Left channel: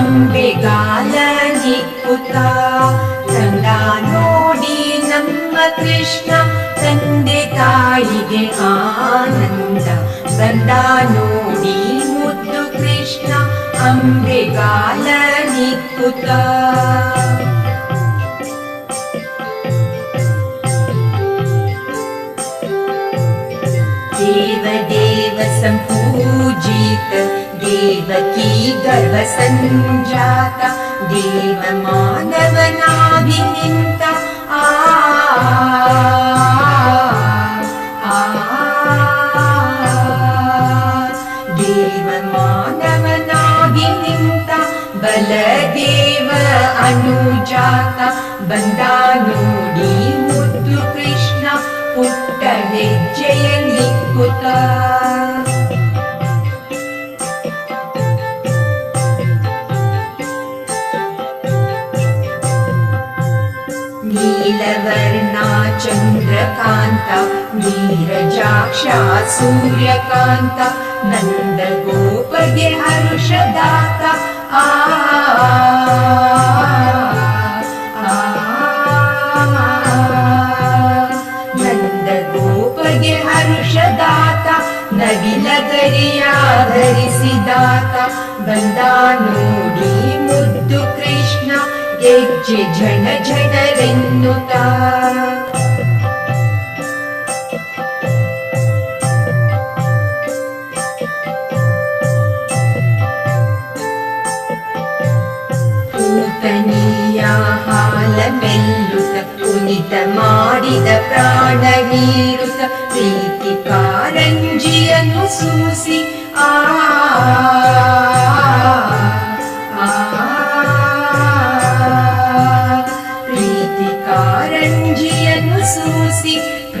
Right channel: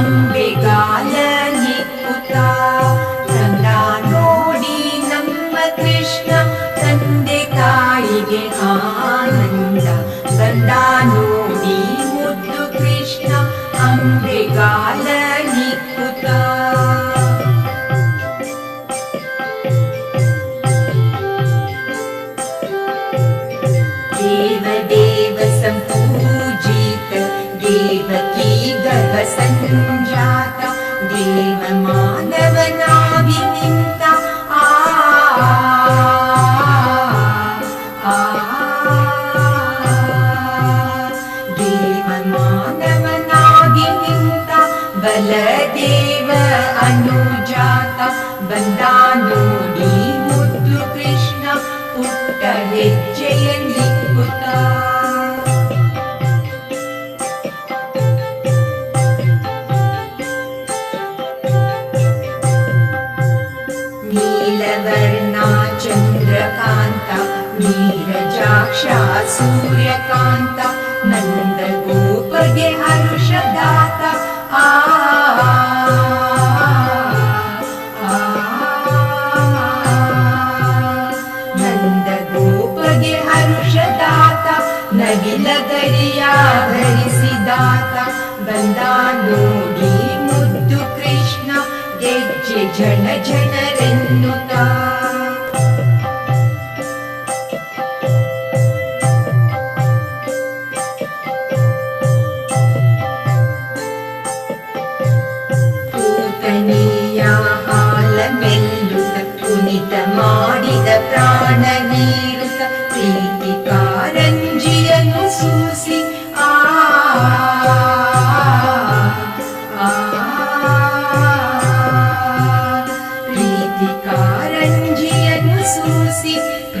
ಅಂಬೆಗಾಲ ನಿಕ್ಕುತ್ತ ತಂದ ನೋಡಿ ನಮ್ಮ ಕೃಷ್ಣ ತಂದೆ ತಾಯಿಗೆ ಆನಂದ ಬಂದ ನೋಡಿ ಮುದ್ದು ಕೃಷ್ಣ ಅಂಬೆಗಾಲ ನಿಕ್ಕುತ್ತ देवकी गर्वसन् देवमानवनाभिनिन्ता देव आ देव बलदेव अनुजाता बन्दानोडी बन्दाीमुदु कृष्ण पुट्टनि जय नीलवर्णा चन्द्रकान्ता नीरजाक्षा सूर्यकान्ता नन्दगोपगे हरुषदाता आ नन्दोपे हरुष दात नविलया धि नोडी मुद्दु कृष्ण ಗೆಜ್ಜೆ ಝಣ ಝಣರೆನ್ನುತ್ತ. ಪೂತನಿಯ ಹಾಲ ಮೆಲ್ಲುತ್ತ ಕುಣಿತ ಮಾಡಿದ ಪ್ರಾಣ ಹೀರುತ್ತ ಪ್ರೀತಿ ಕಾರಂಜಿಯನ್ನು ಸೂಸಿ ಸೂಸಿ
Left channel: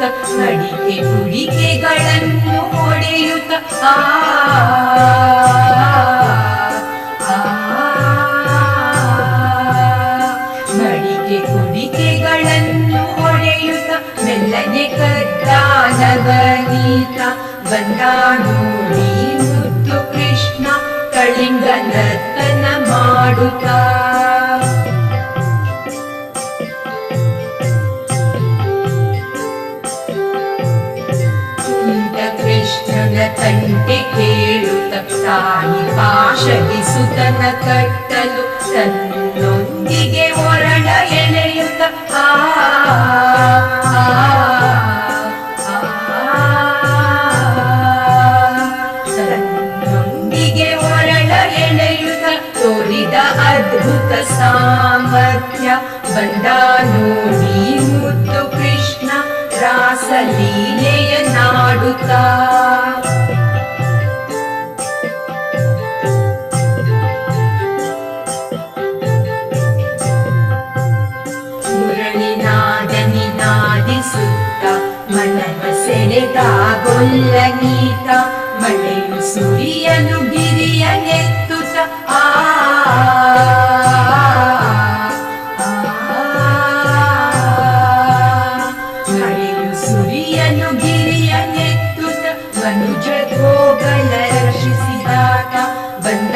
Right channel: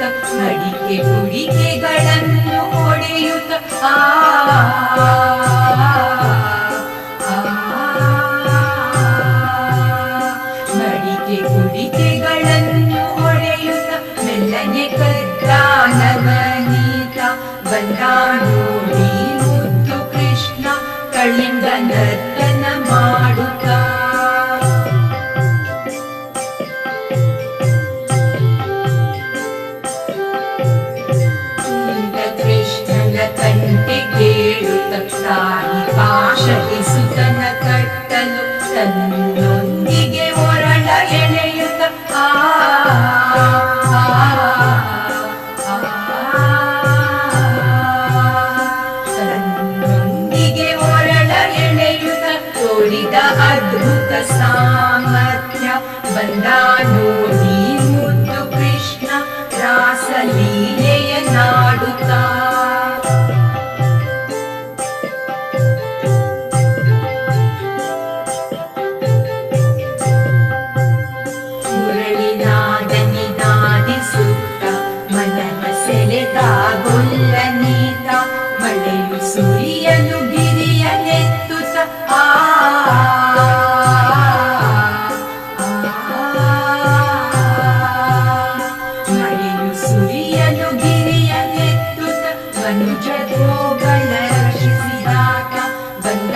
ಇಕ್ಕುತ್ತ ನಡಿಕೆ ಕುಡಿಕೆಗಳನ್ನು ಹೊಡೆಯುತ್ತ ಆ ಮಡಿಕೆ ಕುಡಿಕೆಗಳನ್ನು ಹೊಡೆಯುತ್ತ ಮೆಲ್ಲನೆ ಕದ್ದಾನವನೀತ ಬಂದ ನೋಡಿ ಮುದ್ದು ಕೃಷ್ಣ ಕಳಿಂಗ ನರ್ತನ ಮಾಡುತ್ತಾ ಕೃಷ್ಣನ ತಂಟೆ ಕೇಳುತ್ತ ತಾಯಿ ಪಾಶಗಿಸುತನ ಕಟ್ಟಲು ತನ್ನೊಂದಿಗೆ ಸೆಳೆದ ಗೊಲ್ಲ ನೀತ ಮಳೆಯು ಸುರಿಯಲು ಗಿರಿಯ ನೆತ್ತುತ್ತ ಆ ಆ, ಮಳೆಯು ಸುರಿಯಲು ಗಿರಿಯ ನೆತ್ತುತ್ತ ಮನುಜ ಗೋಗಳ ರಕ್ಷಿಸಿದಾತ ಬಂದ